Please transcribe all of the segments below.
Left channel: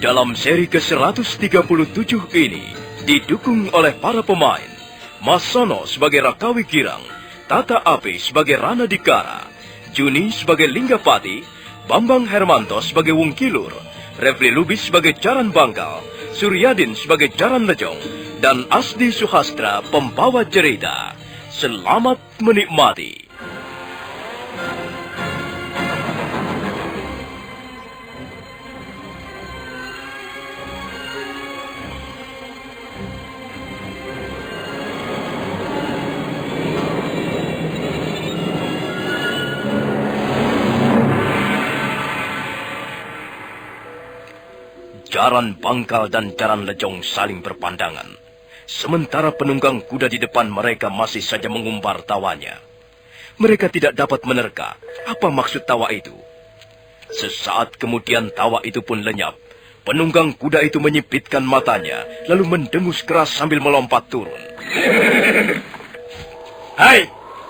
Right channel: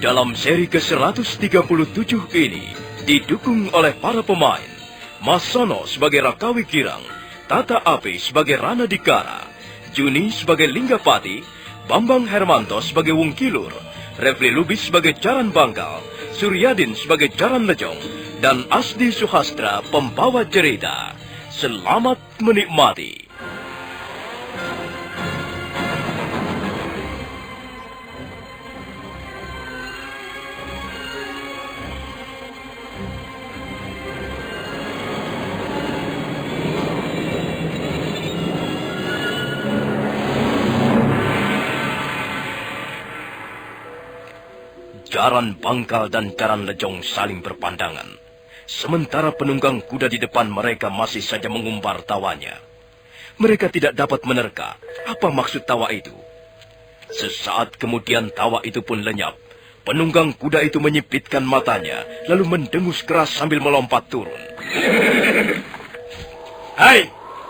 Dalam seri ke-137 ini, didukung oleh para pemain, Mas Sono sebagai Rakawi Girang, Tata Api sebagai Rana Dikara, Juni sebagai Linggapati, Bambang Hermanto sebagai Wungkilur, Refli Lubis sebagai Jaran Bangkal, Suryadin sebagai Jaran Lejong, dan Asdi Suhastra pembawa cerita. Selamat menikmati. Jaran Bangkal dan Jaran Lejong saling berpandangan. Sementara penunggang kuda di depan mereka masih saja mengumbar tawanya. Mereka tidak dapat menerka apa maksud tawa itu. Sesaat kemudian tawa itu pun lenyap. Penunggang kuda itu menyipitkan matanya, lalu mendengus keras sambil melompat turun. Hai,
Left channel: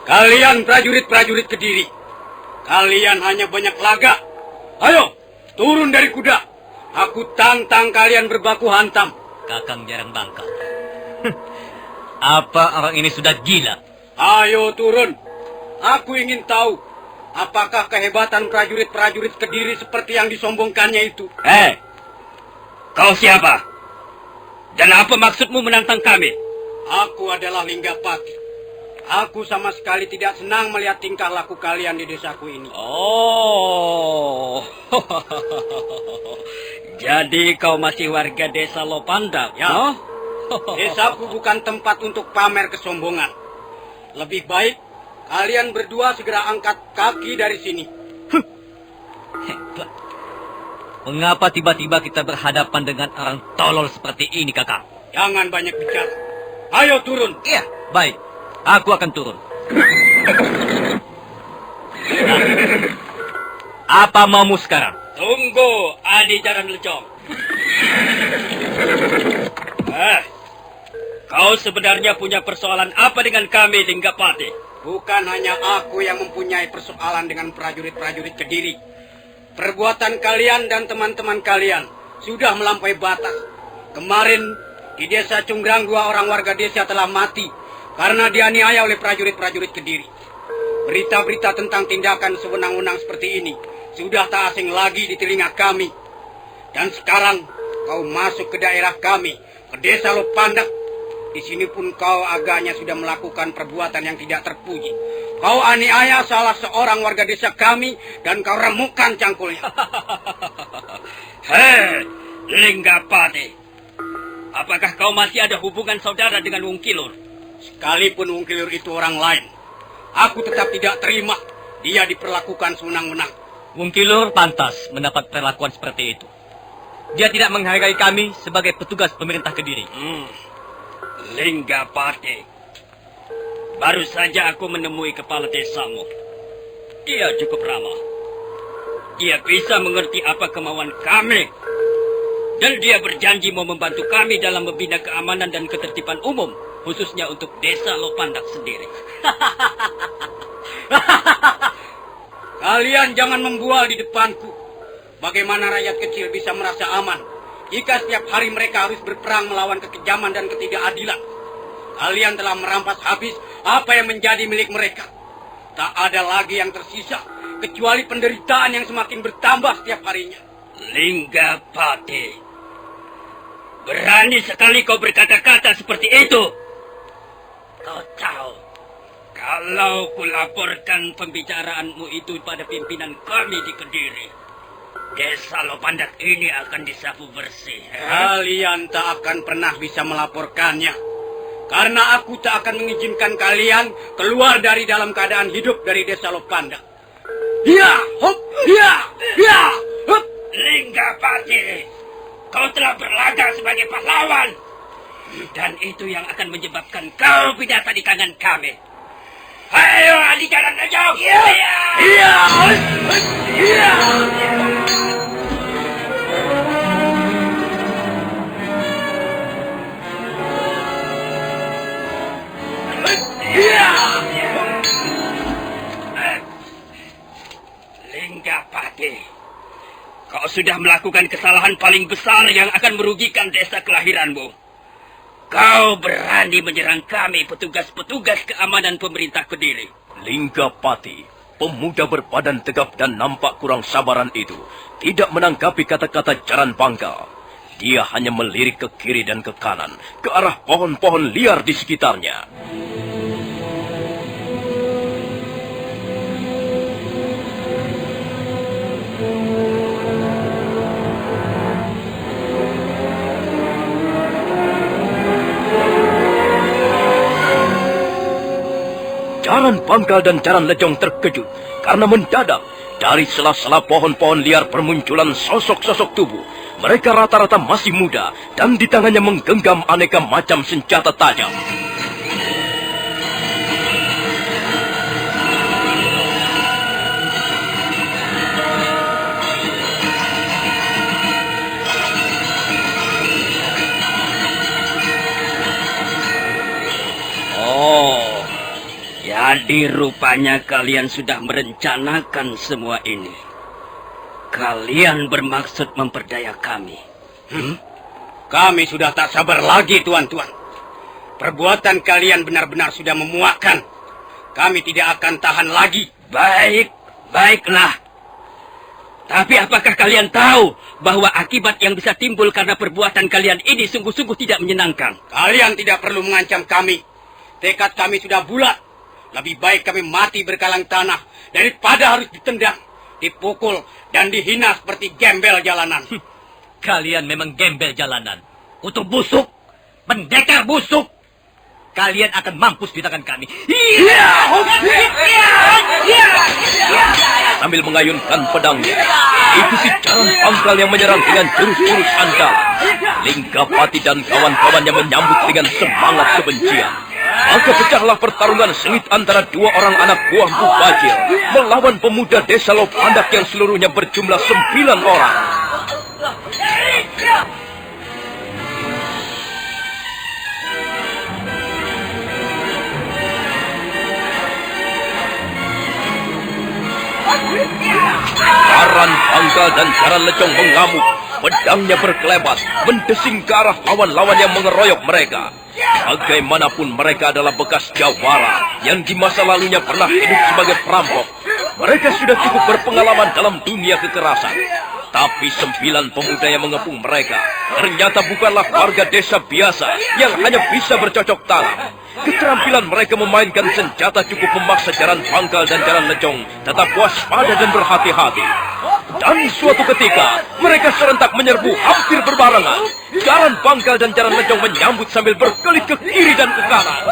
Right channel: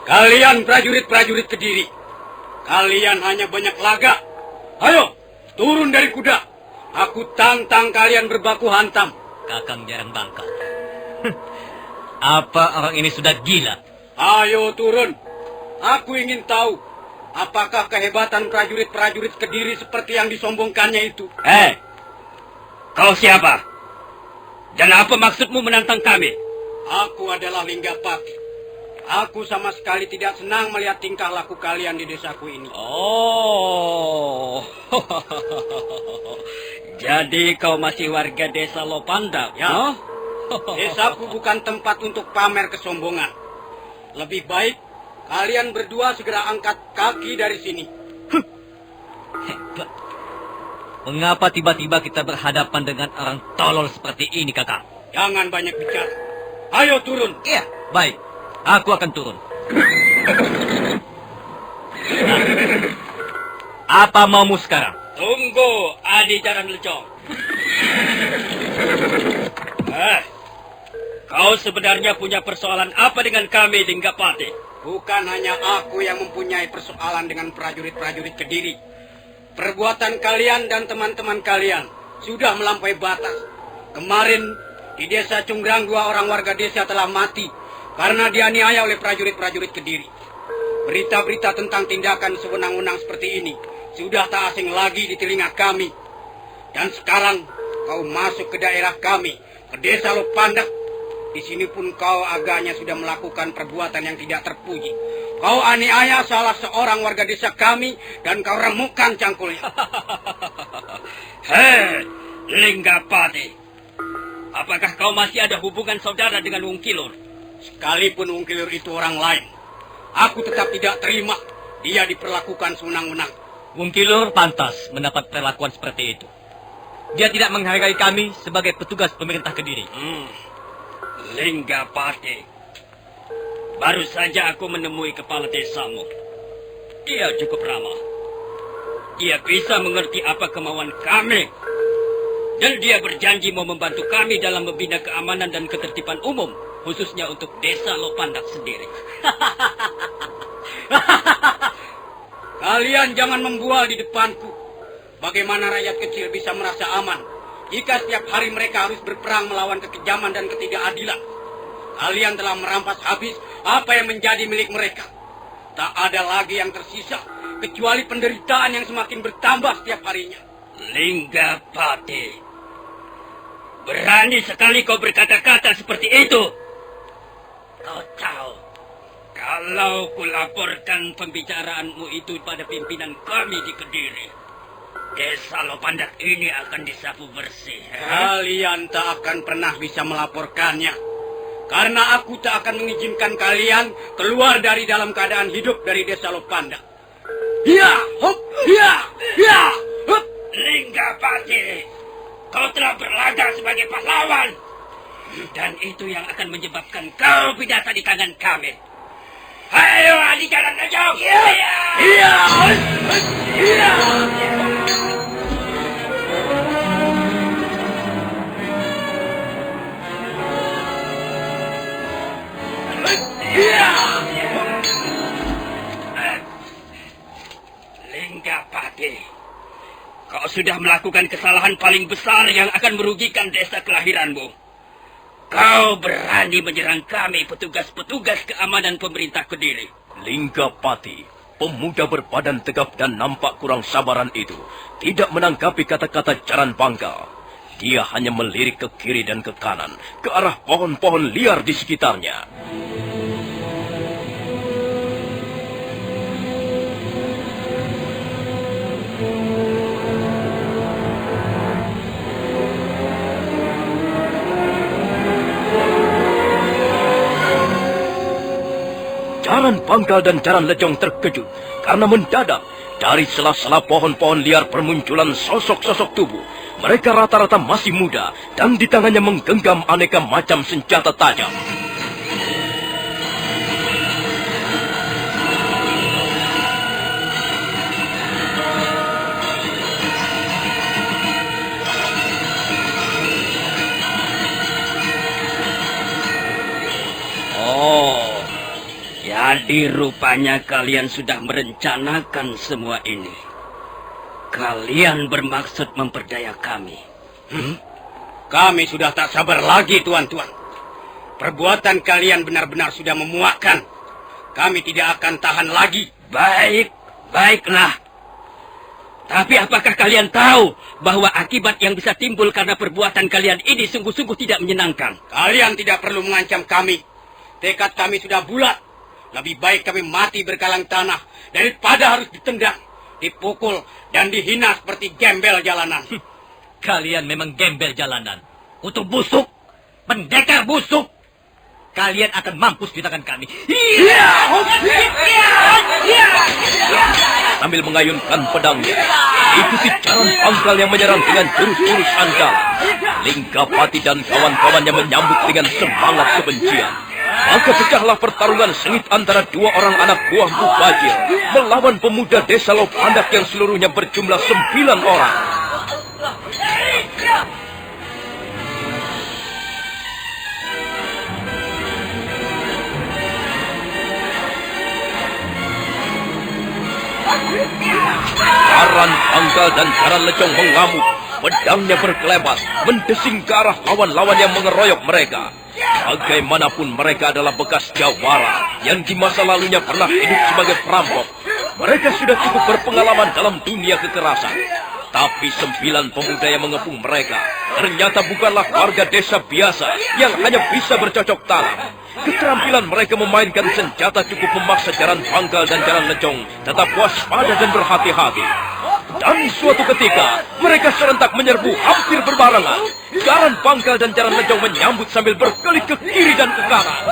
kalian prajurit-prajurit Kediri. Kalian hanya banyak laga. Ayo, turun dari kuda. Aku tantang kalian berbaku hantam. Kakang Jaran Bangkal. Apa orang ini sudah gila? Ayo turun. Aku ingin tahu, apakah kehebatan prajurit-prajurit Kediri seperti yang disombongkannya itu? Kau siapa? Dan apa maksudmu menantang kami? Aku adalah Linggapati. Aku sama sekali tidak senang melihat tingkah laku kalian di desaku ini. Oh, jadi kau masih warga desa Lopandang, ya? Desaku bukan tempat untuk pamer kesombongan. Lebih baik kalian berdua segera angkat kaki dari sini. Hebat. Mengapa tiba-tiba kita berhadapan dengan orang tolol seperti ini, kakak? Jangan banyak bicara. Ayo turun. Iya, baik. Aku akan turun. Apa maumu sekarang? Tunggu, Adi Jaran Lejong. Kau sebenarnya punya persoalan apa dengan kami, Linggapati? Bukan hanya aku yang mempunyai persoalan dengan prajurit-prajurit Kediri. Perbuatan kalian dan teman-teman kalian sudah melampaui batas. Kemarin di desa Cunggrang 2 orang warga desa telah mati karena dianiaya oleh prajurit-prajurit Kediri. Berita-berita tentang tindakan sewenang-wenang seperti ini sudah tak asing lagi di telinga kami. Dan sekarang kau masuk ke daerah kami, ke desa Lopandak. Di sini pun kau agaknya sudah melakukan perbuatan yang tidak terpuji. Kau aniaya salah seorang warga desa kami dan kau remukkan cangkulnya. Hei, Linggapati. Apakah kau masih ada hubungan saudara dengan Wungkilur? Sekalipun Wungkilur itu orang lain, aku tetap tidak terima dia diperlakukan sewenang-wenang. Wungkilur pantas mendapat perlakuan seperti itu. Dia tidak menghargai kami sebagai petugas pemerintah Kediri. Linggapati, baru saja aku menemui kepala desamu. Dia cukup ramah. Dia bisa mengerti apa kemauan kami. Dan dia berjanji mau membantu kami dalam membina keamanan dan ketertiban umum, khususnya untuk desa Lopandak sendiri. Kalian jangan membual di depanku. Bagaimana rakyat kecil bisa merasa aman jika setiap hari mereka harus berperang melawan kekejaman dan ketidakadilan? Kalian telah merampas habis apa yang menjadi milik mereka. Tak ada lagi yang tersisa kecuali penderitaan yang semakin bertambah setiap harinya. Linggapati, berani sekali kau berkata-kata seperti itu. Kau tahu, kalau kulaporkan pembicaraanmu itu pada pimpinan kami di Kediri, desa Lopandak ini akan disapu bersih. Kalian tak akan pernah bisa melaporkannya. Karena aku tak akan mengizinkan kalian keluar dari dalam keadaan hidup dari desa Lopandak. Ya, hop, ya, hop. Linggapati, kau telah berlaga sebagai pahlawan. Dan itu yang akan menyebabkan kau binasa di tangan kami. Ayo, Adi Jaran Lejong. Iya. sudah melakukan kesalahan paling besar yang akan merugikan desa kelahiranmu. Kau berani menyerang kami, petugas-petugas keamanan pemerintah Kediri. Linggapati, pemuda berbadan tegap dan nampak kurang sabaran itu, tidak menanggapi kata-kata Jaran Pangkal. Dia hanya melirik ke kiri dan ke kanan, ke arah pohon-pohon liar di sekitarnya. Jaran Pangkal dan Jaran Lejong terkejut karena mendadak dari sela-sela pohon-pohon liar bermunculan sosok-sosok tubuh. Mereka rata-rata masih muda dan di tangannya menggenggam aneka macam senjata tajam. Jadi rupanya kalian sudah merencanakan semua ini. Kalian bermaksud memperdaya kami. Kami sudah tak sabar lagi, tuan-tuan. Perbuatan kalian benar-benar sudah memuakkan. Kami tidak akan tahan lagi. Baiklah. Tapi apakah kalian tahu bahwa akibat yang bisa timbul karena perbuatan kalian ini sungguh-sungguh tidak menyenangkan? Kalian tidak perlu mengancam kami. Tekad kami sudah bulat. Lebih baik kami mati berkalang tanah daripada harus ditendang, dipukul, dan dihina seperti gembel jalanan. Kalian memang gembel jalanan. Untuk busuk, pendekar busuk. Kalian akan mampus di tangan kami. Sambil mengayunkan pedangnya, itu si Jaran Pangkal yang menyerang dengan jurus-jurus andalan. Linggapati dan kawan-kawannya menyambut dengan semangat kebencian. Maka pecahlah pertarungan sengit antara dua orang anak buah Mubajir melawan pemuda desa Lopandak yang seluruhnya berjumlah 9 orang. Jaran Pangkal dan Jaran Lejong mengamuk. Pedangnya berkelebas, mendesing ke arah lawan-lawan yang mengeroyok mereka. Bagaimanapun mereka adalah bekas jawara yang di masa lalunya pernah hidup sebagai perampok. Mereka sudah cukup berpengalaman dalam dunia kekerasan. Tapi 9 pemuda yang mengepung mereka ternyata bukanlah warga desa biasa yang hanya bisa bercocok tanam. Keterampilan mereka memainkan senjata cukup memaksa Jaran Pangkal dan Jaran Lejong tetap waspada dan berhati-hati. Dan suatu ketika, mereka serentak menyerbu hampir berbarengan. Jaran Pangkal dan Jaran Lejong menyambut sambil berkelit ke kiri dan ke kanan.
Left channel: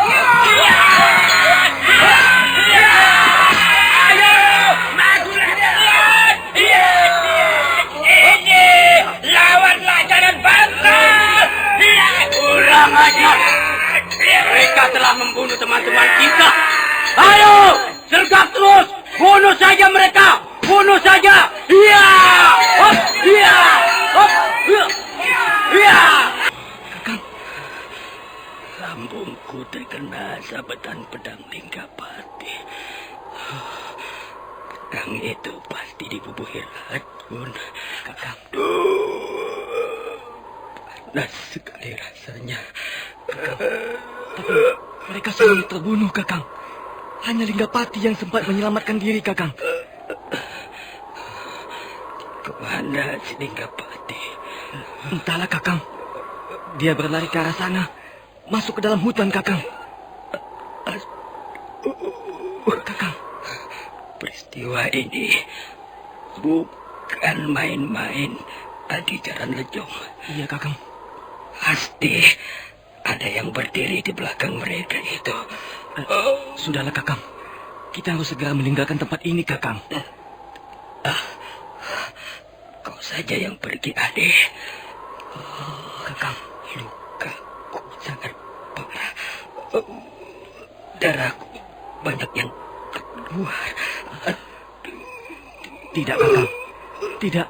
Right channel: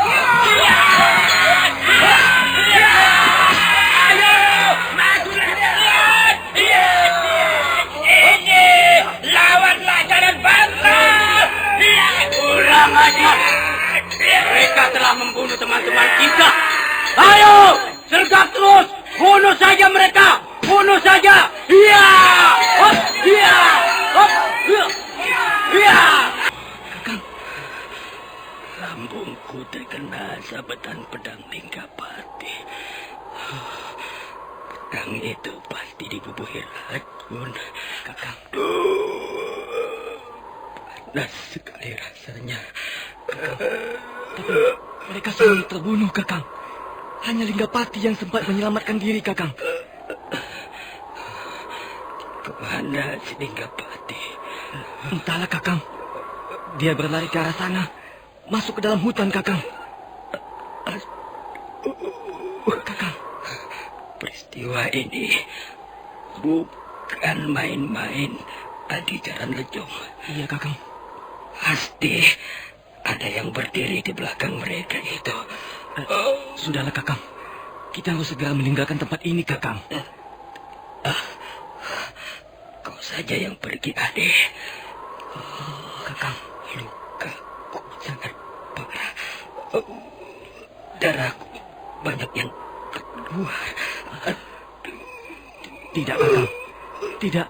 Lawanlah Jaran Pangkal! Kurang ajar. Mereka telah membunuh teman-teman kita. Ayo, tegak terus. Bunuh saja mereka. Bunuh saja. Iya. Hop, iya. Hop, iya. Lambungku terkena sabetan pedang Linggapati. Pedang itu pasti dibubuhi racun, Kakang. Panas sekali rasanya. Tapi mereka semua terbunuh, Kakang. Hanya Linggapati yang sempat menyelamatkan diri, Kakang. Kemana si Linggapati? Entahlah, Kakang. Dia berlari ke arah sana. Masuk ke dalam hutan, Kakang. Kakang. Peristiwa ini bukan main-main, Adi Jaran Lejong. Iya, Kakang. Pasti ada yang berdiri di belakang mereka itu. Sudahlah, Kakang. Kita harus segera meninggalkan tempat ini, Kakang. Kau saja yang pergi, Adi. Kakang. Lukaku sangat parah. Darahku banyak yang keluar. Tidak, Kakang. Tidak.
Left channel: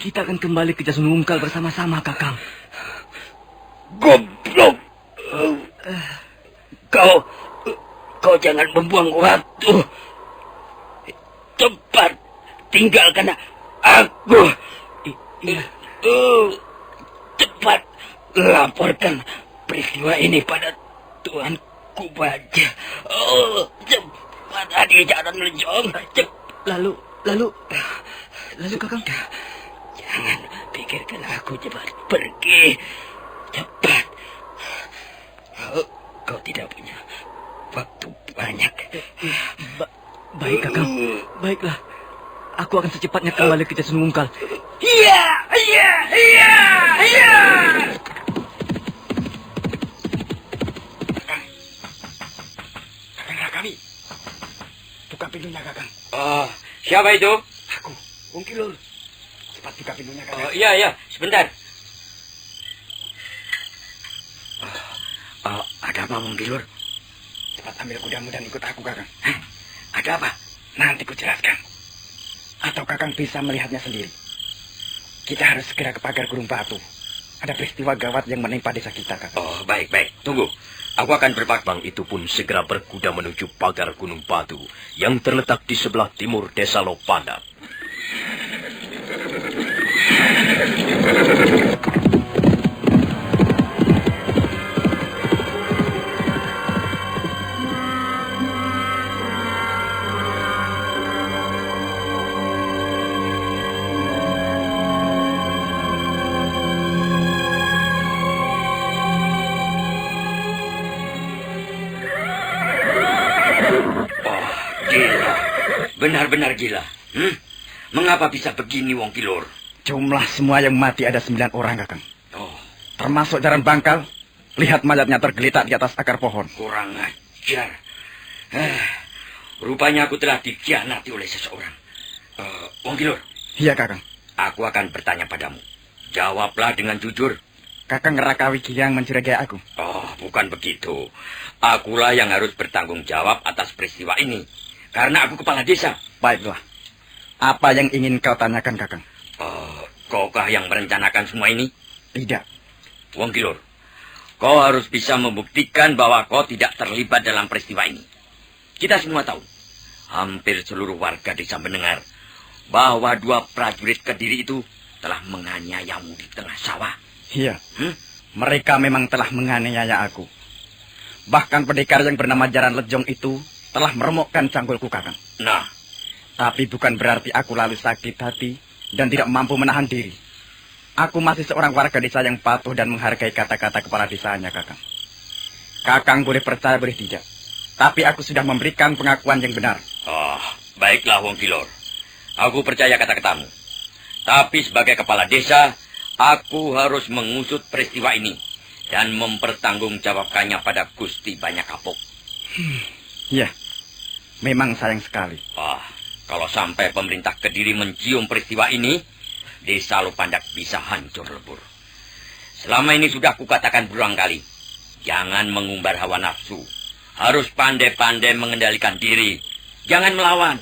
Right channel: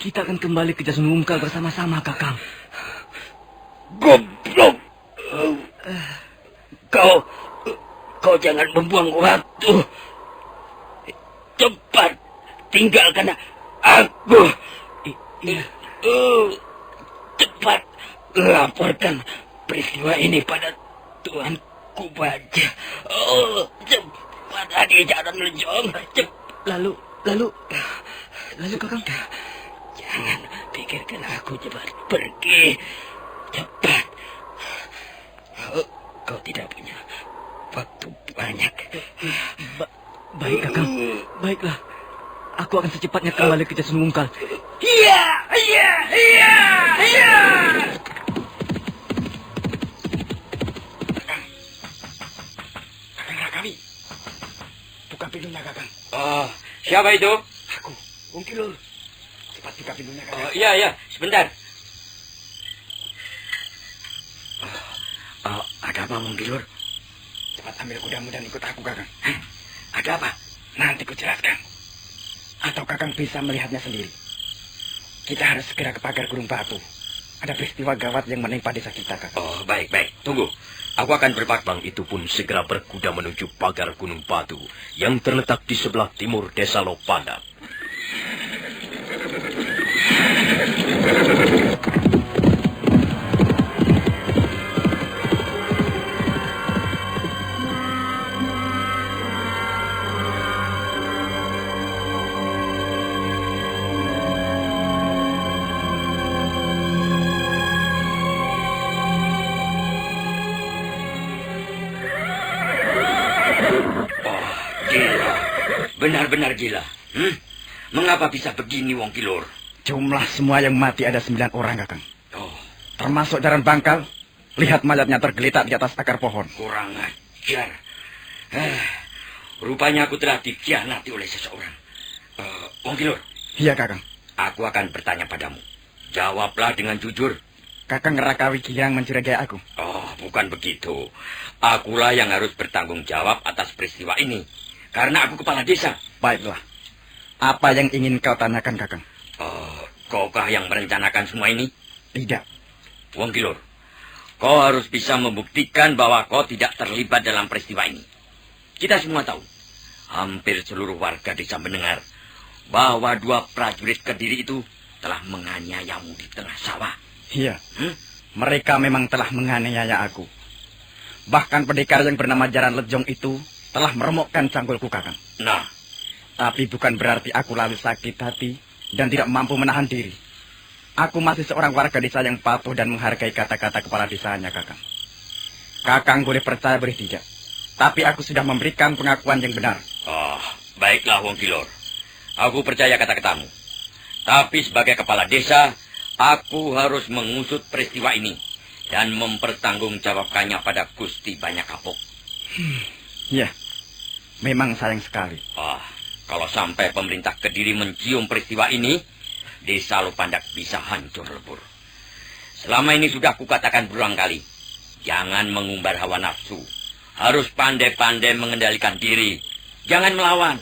Kita akan kembali ke Jasunungkal bersama-sama, Kakang. Goblok! Kau jangan membuang waktu. Cepat tinggalkan aku. Iya. Cepat laporkan peristiwa ini pada Tuanku Baja. Cepat Adi Jaran Lejong. Lalu Kakang. Jangan pikirkan aku, cepat pergi. Cepat. Kau tidak punya waktu banyak. Baik, Kakang. Baiklah. Aku akan secepatnya kembali ke Desa Nunggal. Iya. Kakang kami. Buka pintunya, Kakang. Oh, siapa itu? Aku, Wong Kilor. Cepat buka pintunya, Kakang. Oh, iya, sebentar. Ada apa, Wong Kilor? Cepat ambil kudamu dan ikut aku, Kakang. Ada apa? Nanti ku jelaskan. Atau Kakang bisa melihatnya sendiri. Kita harus segera ke pagar Gunung Batu. Ada peristiwa gawat yang menimpa desa kita, Kakang. Oh, baik. Tunggu. Aku akan berpakbang itu pun segera berkuda menuju pagar Gunung Batu yang terletak di sebelah timur Desa Lopandat. Benar-benar gila. Mengapa bisa begini, Wong Kilor? Jumlah semua yang mati ada 9 orang, Kakang. Oh, Termasuk jaran bangkal. Lihat mayatnya tergeletak di atas akar pohon. kurang ajar. Rupanya aku telah dikhianati oleh seseorang. Wong Kilor, Iya, Kakang. aku akan bertanya padamu. Jawablah dengan jujur. Kakang Rakawi Gilang mencurigai aku. Oh, bukan begitu. Akulah yang harus bertanggung jawab atas peristiwa ini. Karena aku kepala desa. Baiklah. Apa yang ingin kau tanyakan, Kakang? Kaukah yang merencanakan semua ini? Tidak. Wong Kilor, kau harus bisa membuktikan bahwa kau tidak terlibat dalam peristiwa ini. Kita semua tahu, hampir seluruh warga desa mendengar bahwa 2 prajurit Kediri itu telah menganiayamu di tengah sawah. Iya. Mereka memang telah menganiaya aku. Bahkan pendekar yang bernama Jaran Lejong itu telah meremukkan canggulku, Kakang. Nah, Tapi bukan berarti aku lalu sakit hati dan tidak mampu menahan diri. Aku masih seorang warga desa yang patuh dan menghargai kata-kata kepala desanya, Kakang. Kakang boleh percaya boleh tidak. Tapi aku sudah memberikan pengakuan yang benar. baiklah Wong Kilor. Aku percaya kata-katamu. Tapi sebagai kepala desa, aku harus mengusut peristiwa ini dan mempertanggungjawabkannya pada Gusti Banyak Kapuk. Iya, memang sayang sekali. Kalau sampai pemerintah Kediri mencium peristiwa ini, desa Lopandat bisa hancur lebur. Selama ini sudah kukatakan berulang kali, jangan mengumbar hawa nafsu. Harus pandai-pandai mengendalikan diri. Jangan melawan,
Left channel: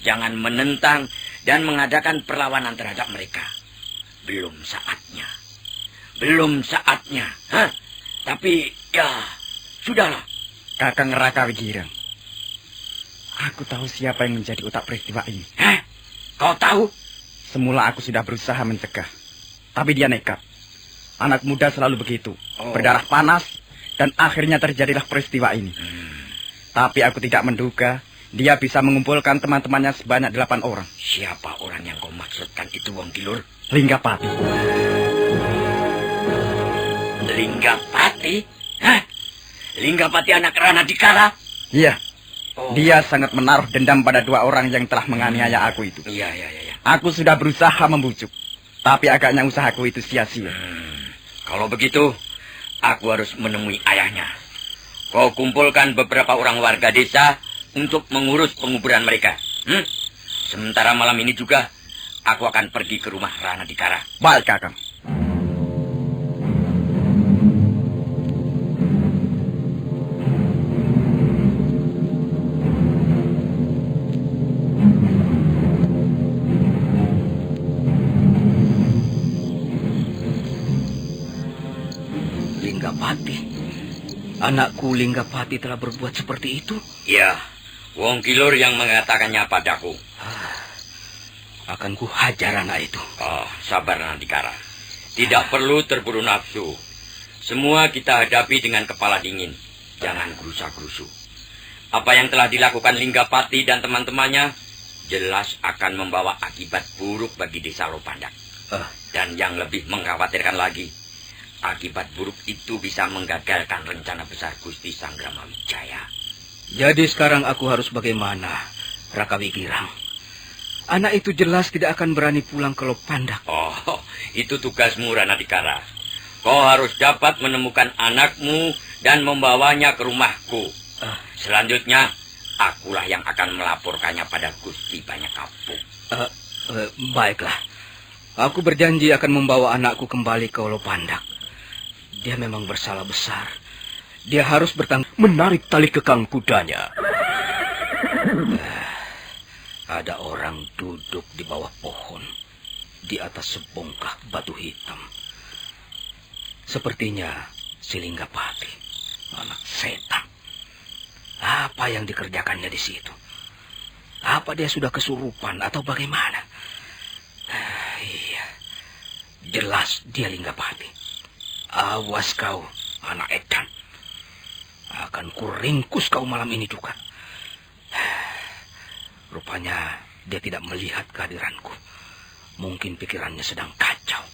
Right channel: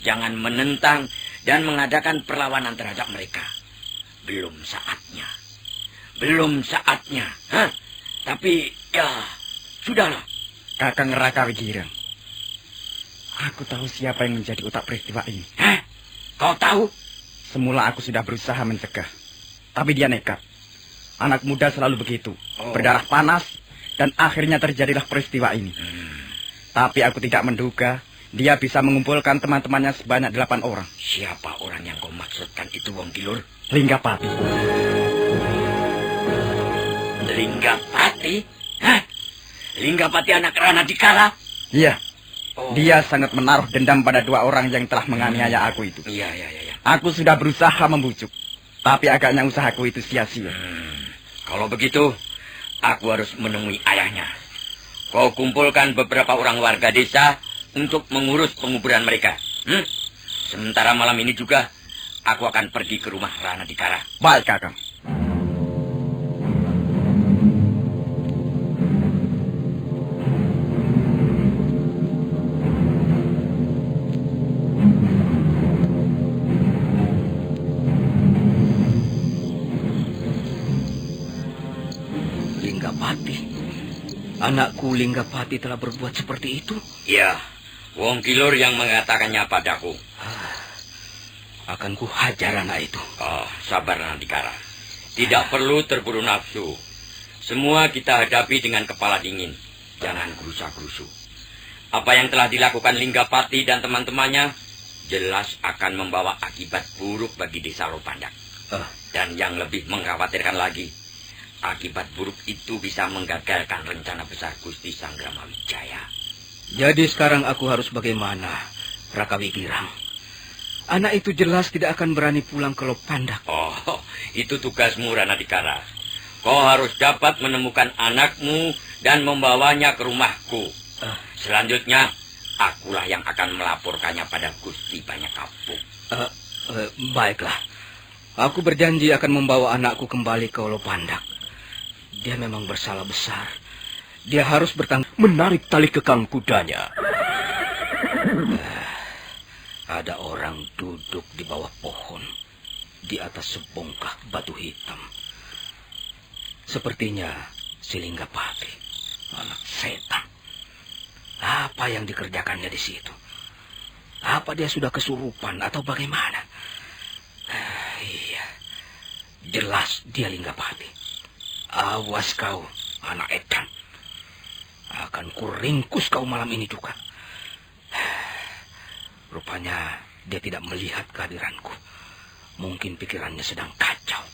jangan menentang, dan mengadakan perlawanan terhadap mereka. Belum saatnya. Belum saatnya. Tapi, ya, sudahlah. Kakang Raka Widira, aku tahu siapa yang menjadi otak peristiwa ini. Kau tahu? Semula aku sudah berusaha mencegah, tapi dia nekat. Anak muda selalu begitu, berdarah panas, dan akhirnya terjadilah peristiwa ini. Tapi aku tidak menduga dia bisa mengumpulkan teman-temannya sebanyak 8 orang. Siapa orang yang kau maksudkan itu, Wong Kilor? Linggapati. Linggapati? Linggapati anak Rana Dikara? Iya. Dia sangat menaruh dendam pada 2 orang yang telah menganiaya aku itu. Iya. Aku sudah berusaha membujuk, tapi agaknya usahaku itu sia-sia. Kalau begitu, aku harus menemui ayahnya. Kau kumpulkan beberapa orang warga desa untuk mengurus penguburan mereka. Sementara malam ini juga, aku akan pergi ke rumah Rana Dikara. Baik, Kakang. Linggapati? Anakku Linggapati telah berbuat seperti itu? Ya, Wong Kilor yang mengatakannya padaku. akan kuhajar anak itu. Oh, sabar Ranadikara. Tidak perlu terburu nafsu. Semua kita hadapi dengan kepala dingin. Jangan gerusa-gerusu. Apa yang telah dilakukan Linggapati dan teman-temannya jelas akan membawa akibat buruk bagi desa Lopandak. Dan yang lebih mengkhawatirkan lagi, akibat buruk itu bisa menggagalkan rencana besar Gusti Sanggrama Wijaya. Jadi sekarang aku harus bagaimana, Raka Wigirang? Anak itu jelas tidak akan berani pulang ke Lopandak. Oh, itu tugasmu Ranadikara. Kau harus dapat menemukan anakmu dan membawanya ke rumahku. Selanjutnya, akulah yang akan melaporkannya pada Gusti Banyak Kapuk. Baiklah. Aku berjanji akan membawa anakku kembali ke Lopandak. Dia memang bersalah besar. Dia harus Menarik tali kekang kudanya. Ada orang duduk di bawah pohon, di atas sebongkah batu hitam. Sepertinya si Linggapati, anak setan. Apa yang dikerjakannya di situ? Apa dia sudah kesurupan atau bagaimana? Iya, jelas dia Linggapati. Awas kau, anak edan. Akan kuringkus kau malam ini juga. Rupanya dia tidak melihat kehadiranku. Mungkin pikirannya sedang kacau.